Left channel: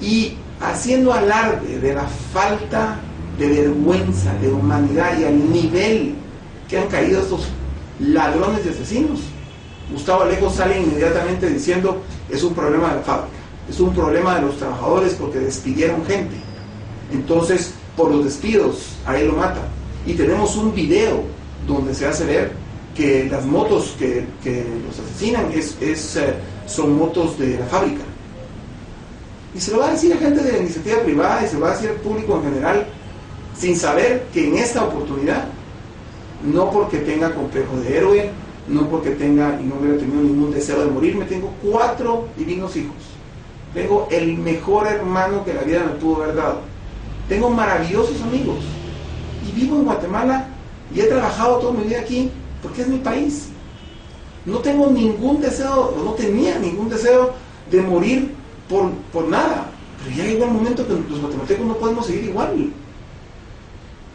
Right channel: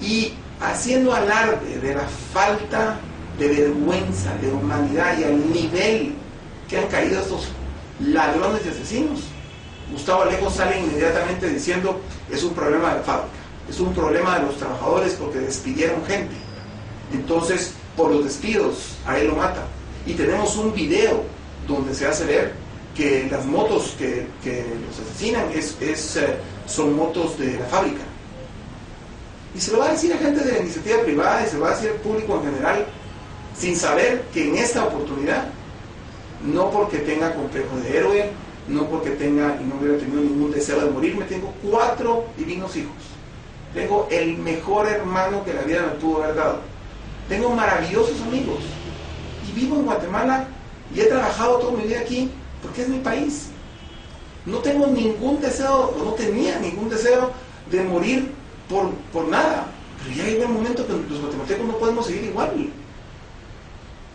y haciendo alarde de la falta de vergüenza, de humanidad y al nivel que han caído estos ladrones y asesinos, Gustavo Alejos sale inmediatamente diciendo: es un problema de la fábrica, es un problema de los trabajadores porque despidieron gente, entonces por los despidos a él lo matan. Y tenemos un video donde se hace ver que las motos que los asesinan son motos de la fábrica. Y se lo va a decir a gente de la iniciativa privada y se lo va a decir al público en general, sin saber que en esta oportunidad, no porque tenga complejo de héroe, no porque tenga y no hubiera tenido ningún deseo de morirme, tengo 4 divinos hijos, tengo el mejor hermano que la vida me pudo haber dado, tengo maravillosos amigos y vivo en Guatemala y he trabajado toda mi vida aquí porque es mi país. No tengo ningún deseo, o no tenía ningún deseo de morir por nada, pero ya llegó el momento que los guatemaltecos no podemos seguir igual.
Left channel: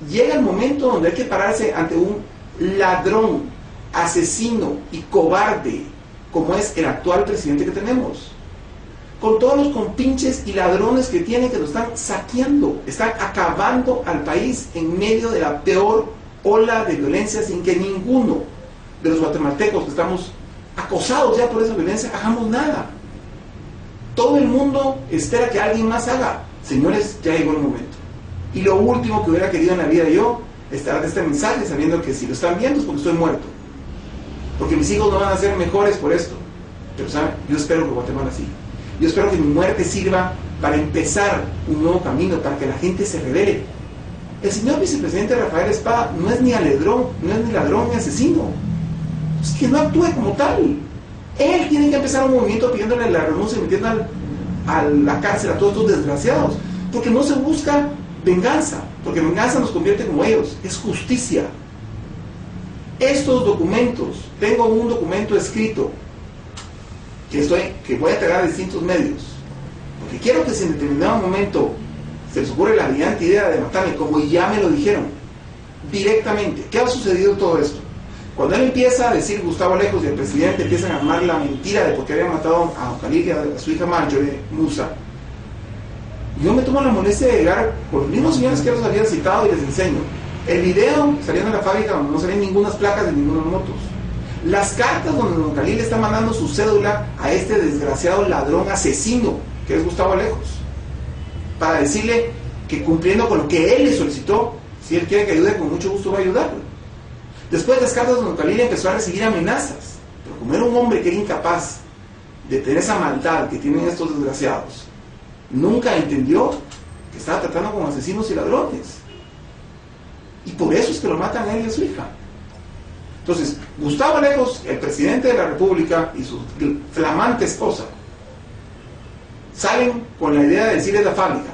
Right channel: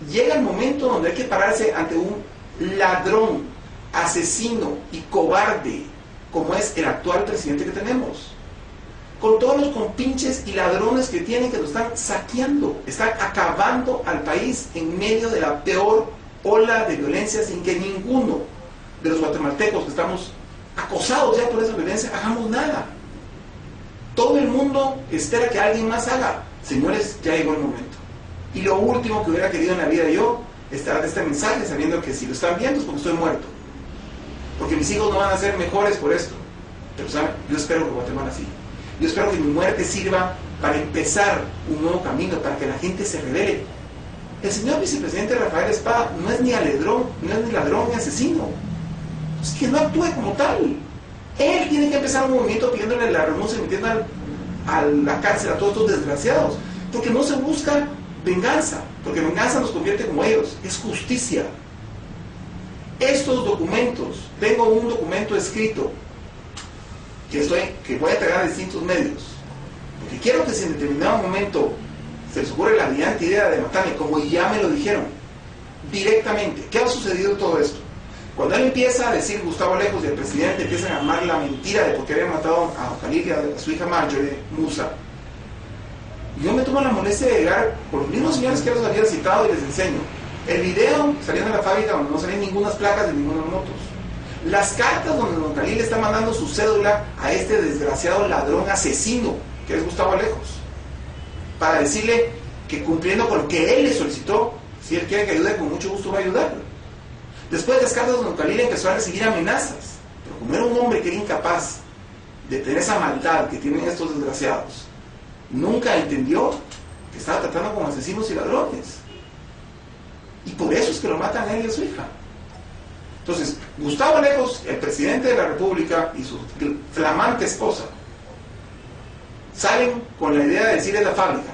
Llega el momento donde hay que pararse ante un ladrón, asesino y cobarde como es el actual presidente que tenemos, con todos los compinches y ladrones que tienen, que lo están saqueando, están acabando al país en medio de la peor ola de violencia, sin que ninguno de los guatemaltecos que estamos acosados ya por esa violencia hagamos nada. Todo el mundo espera que alguien más haga. Señores, ya llegó el momento. Y lo último que hubiera querido en la vida yo es dar este mensaje sabiendo que si lo están viendo es porque estoy muerto, porque mis hijos no van a ser mejores por esto. Pero saben, yo espero que Guatemala siga. Yo espero que mi muerte sirva para empezar un nuevo camino, para que la gente se revele. El señor vicepresidente Rafael Espada no es ni ladrón, ni asesino. Es que no actúe como tal. Él tiene que empezar un movimiento pidiéndole la renuncia y metiendo a la cárcel a todos estos desgraciados, porque no se busca venganza, porque venganza nos convierte como ellos, es justicia. Estos documentos, tengo un documento escrito que voy a entregar a distintos medios, porque quiero que si en determinado momento se les ocurre la brillante idea de matarme, como ya me lo dijeron directamente, ¿qué ha sucedido todo esto? Cuando él empieza a decir, Gustavo Alejos y el presidente empiezan a armar la mentira de porque había matado a Khalil y a su hija Marjorie Musa, yo me tomo la molestia de llegar por los mismos señores que los había citado y les enseño el video saliendo de la fábrica donde no salían ninguna placas de ninguna motos, las cartas donde don Khalil le está mandando su cédula a este desgraciado ladrón asesino que es Gustavo Alejos, para decirle que cumpliendo con lo que él le solicitó, si él quiere que ayude, con mucho gusto va a ayudarlo. Después de las cartas de don Khalil empezó a recibir amenazas, pero como era un hombre que era incapaz de tener esa maldad que tienen estos desgraciados, nunca entendió que estaba tratando con asesinos y ladrones, y por eso es que lo matan a él y a su hija. Entonces, Gustavo Alejos, el presidente de la República, y su flamante esposa salen con la idea de decirle a la fábrica,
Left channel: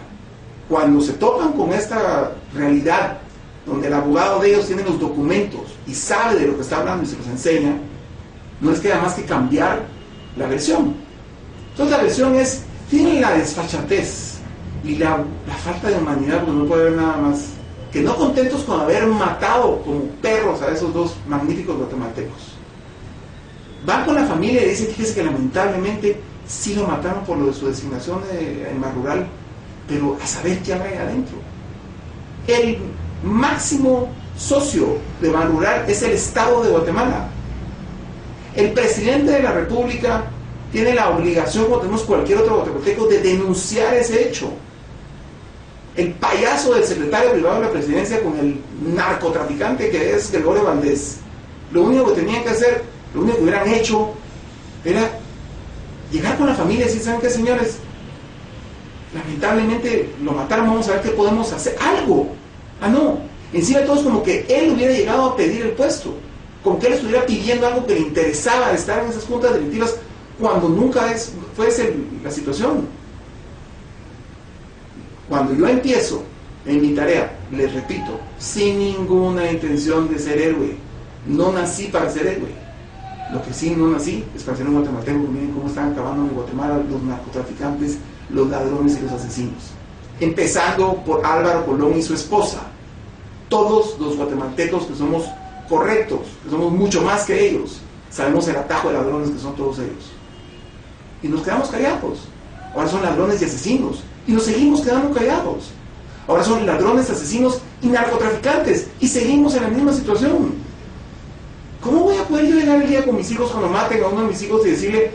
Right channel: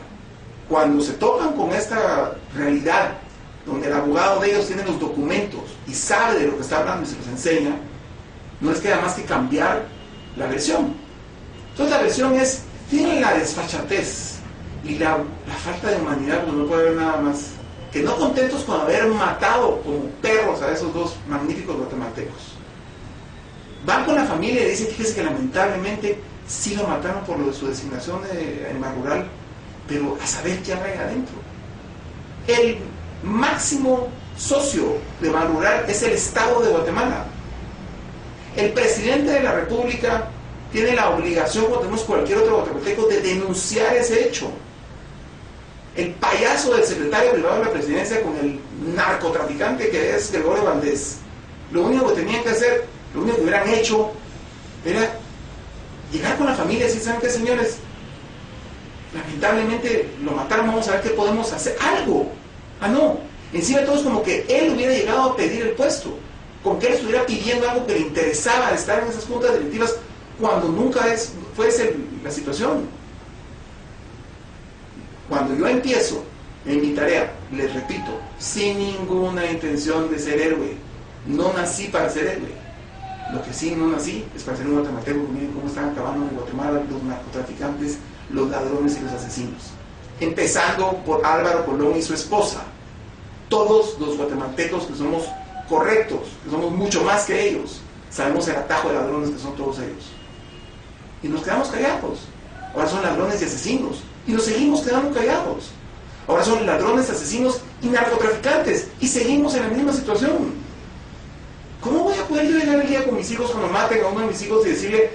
cuando se topan con esta realidad donde el abogado de ellos tiene los documentos y sabe de lo que está hablando y se los enseña, no les queda más que cambiar la versión. Entonces la versión es, tienen la desfachatez y la falta de humanidad, porque no puede haber nada más, que no contentos con haber matado como perros a esos 2 magníficos guatemaltecos, van con la familia y dicen, fíjese que lamentablemente sí lo mataron por lo de su designación de animal rural, pero a saber qué habrá ahí adentro. El máximo socio de Ban Rural es el Estado de Guatemala. El presidente de la República tiene la obligación, como tenemos cualquier otro guatemalteco, de denunciar ese hecho. El payaso del secretario privado de la presidencia con el narcotraficante que es Gregorio Valdés, lo único que tenían que hacer, lo único que hubieran hecho era llegar con la familia y decir, ¿saben qué, señores? Lamentablemente lo mataron, vamos a ver qué podemos hacer, algo. Ah, no, encima de todo es como que él hubiera llegado a pedir el puesto, como que él estuviera pidiendo algo que le interesaba de estar en esas juntas directivas, cuando nunca fue la situación. Cuando yo empiezo en mi tarea, les repito, sin ninguna intención de ser héroe, no nací para ser héroe. Lo que sí no nací es para ser un guatemalteco. Miren cómo están acabando en Guatemala los narcotraficantes, los ladrones y los asesinos. Empezando por Álvaro Colón y su esposa. Todos los guatemaltecos que somos correctos, que somos mucho más que ellos, sabemos el atajo de ladrones que son todos ellos. Y nos quedamos callados. ahora son ladrones y asesinos, y nos seguimos quedando callados. Ahora son ladrones, asesinos y narcotraficantes, y seguimos en la misma situación. ¿Cómo voy a poder yo llegar el día con mis hijos cuando maten a uno de mis hijos y decirle,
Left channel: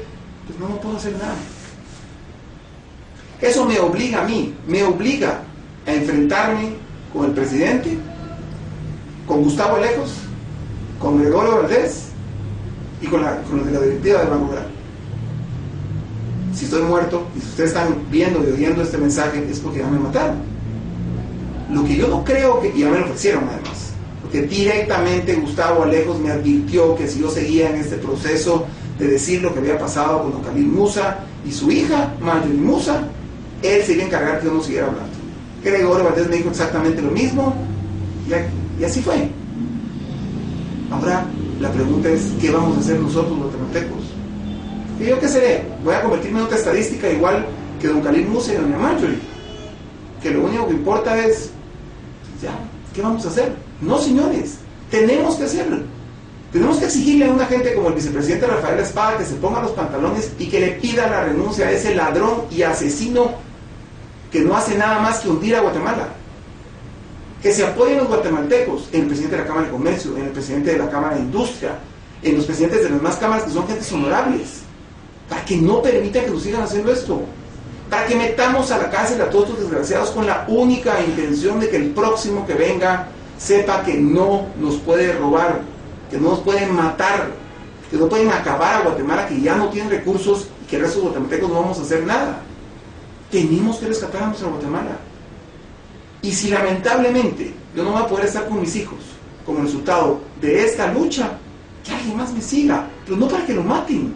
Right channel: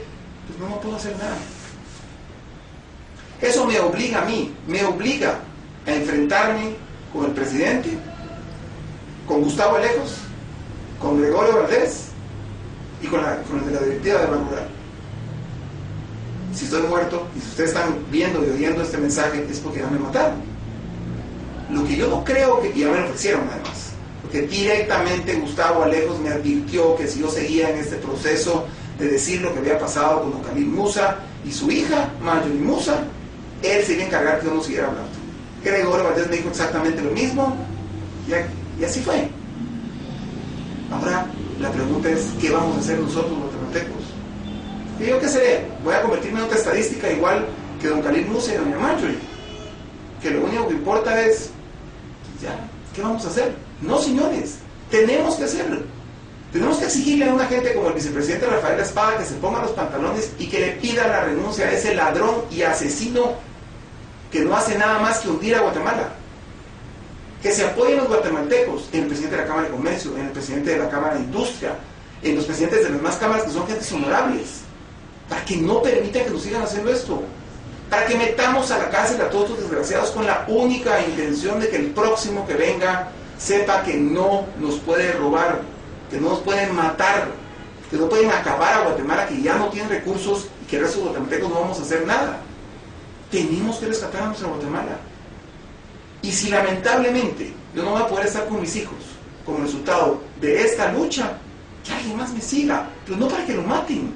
pues no puedo hacer nada? Eso me obliga a mí, me obliga a enfrentarme con el presidente, con Gustavo Alejos, con Gregorio Valdés y con los de la directiva de Banco Rural. Si estoy muerto y si ustedes están viendo y oyendo este mensaje es porque ya me mataron. Lo que yo no creo que ya me lo ofrecieron además, porque directamente Gustavo Alejos me advirtió que si yo seguía en este proceso de decir lo que había pasado con don Khalil Musa y su hija, Marjorie Musa, él se iba a encargar que yo no siguiera hablando. Gregorio Valdés me dijo exactamente lo mismo y así fue. Ahora la pregunta es, ¿qué vamos a hacer nosotros guatemaltecos? ¿Y yo qué seré? ¿Voy a convertirme en otra estadística igual que don Khalil Musa y doña Marjorie? Que lo único que importa es, pues ya, ¿qué vamos a hacer? No, señores, tenemos que hacerlo. Tenemos que exigirle a una gente como el vicepresidente Rafael Espada que se ponga los pantalones y que le pida la renuncia a ese ladrón y asesino que no hace nada más que hundir a Guatemala. Que se apoyen los guatemaltecos en el presidente de la Cámara de Comercio, en el presidente de la Cámara de Industria, en los presidentes de las demás cámaras que son gentes honorables, para que no permitan que nos sigan haciendo esto, para que metamos a la cárcel a todos estos desgraciados con la única intención de que el próximo que venga sepa que no nos puede robar, que no nos pueden matar, que no pueden acabar a Guatemala, que ya no tienen recursos y que el resto de los guatemaltecos no vamos a hacer nada. Tenemos que rescatar a nuestra Guatemala. Y si lamentablemente yo no voy a poder estar con mis hijos como resultado de esta lucha, que alguien más me siga, pero no para que lo maten.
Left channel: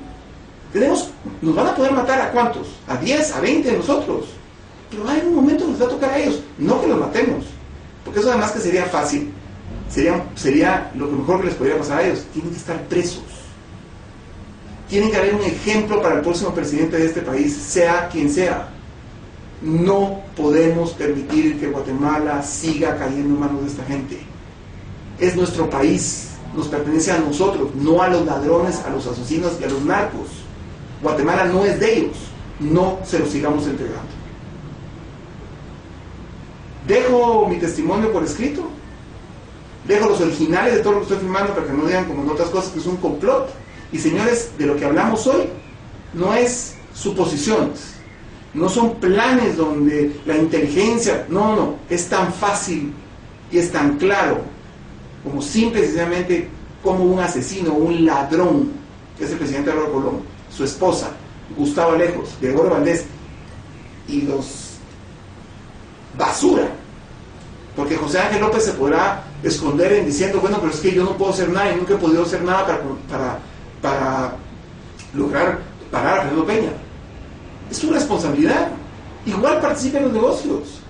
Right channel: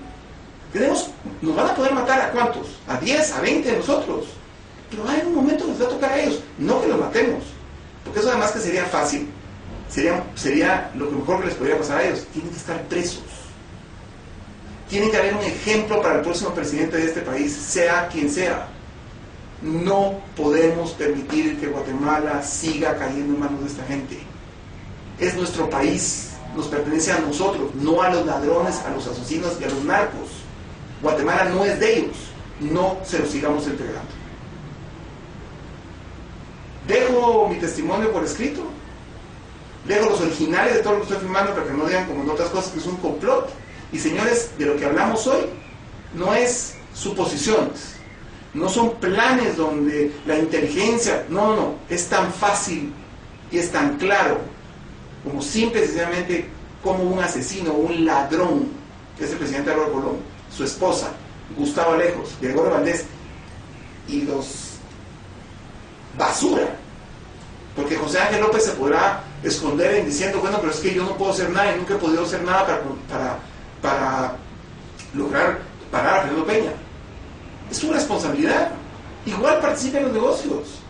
Nos van a poder matar ¿a cuántos? ¿A 10? ¿A 20 de nosotros? Pero hay un momento que nos va a tocar a ellos, no que los matemos, porque eso además que sería fácil, sería lo que mejor que les podría pasar a ellos. Tienen que estar presos. Tiene que haber un ejemplo para el próximo presidente de este país, sea quien sea. No podemos permitir que Guatemala siga cayendo en manos de esta gente. Es nuestro país, nos pertenece a nosotros, no a los ladrones, a los asesinos y a los narcos. Guatemala no es de ellos, no se los sigamos entregando. Dejo mi testimonio por escrito, dejo los originales de todo lo que estoy filmando para que no digan como en otras cosas que es un complot. Y señores, de lo que hablamos hoy no es suposiciones, no son planes donde la inteligencia, no, es tan fácil y es tan claro como simple y sencillamente como un asesino, un ladrón, que es el presidente Álvaro Colón, su esposa, Gustavo Alejos, Gregorio Valdés y los basura, porque José Ángel López se podrá esconder en diciendo, bueno, pero es que yo no puedo hacer nada y nunca he podido hacer nada para lograr parar a Fernando Peña. Es su responsabilidad. Igual participe en los negocios.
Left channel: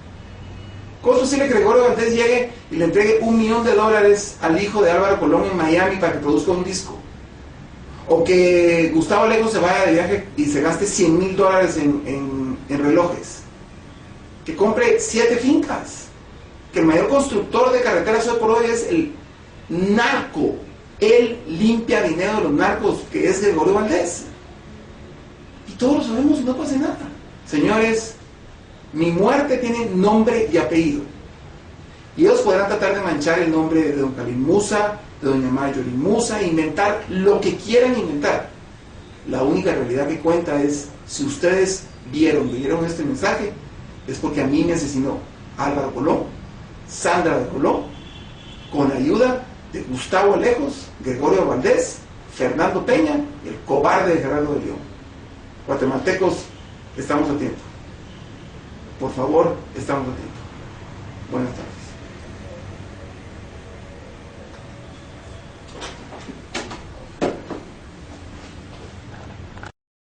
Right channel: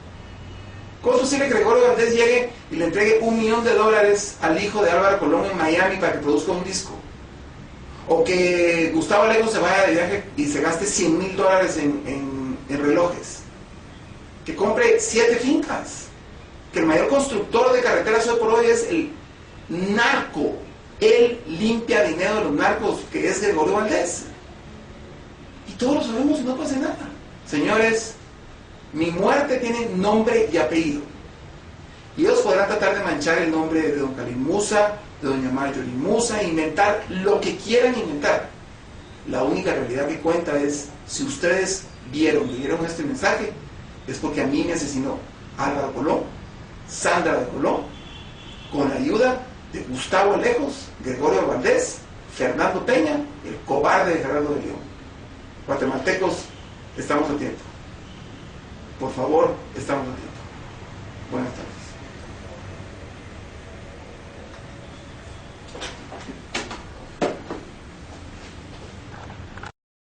¿Cómo es posible que Gregorio Valdés llegue y le entregue $1 millón al hijo de Álvaro Colón en Miami para que produzca un disco? O que Gustavo Alejos se vaya de viaje y se gaste $100,000 en relojes. Que compre 7 fincas. Que el mayor constructor de carreteras hoy por hoy es el narco. Él limpia dinero de los narcos, que es Gregorio Valdés. Y todos lo sabemos y no pasa nada. Señores, mi muerte tiene nombre y apellido. Y ellos podrán tratar de manchar el nombre de don Khalil Musa, de doña Marjorie Musa, inventar lo que quieran inventar. La única realidad que cuenta es, si ustedes vieron este mensaje, es porque a mí me asesinó Álvaro Colón, Sandra de Colón, con ayuda de Gustavo Alejos, Gregorio Valdés, Fernando Peña, el cobarde de Gerardo de León. Guatemaltecos, estamos a tiempo. Por favor, estamos a tiempo. Buenas tardes.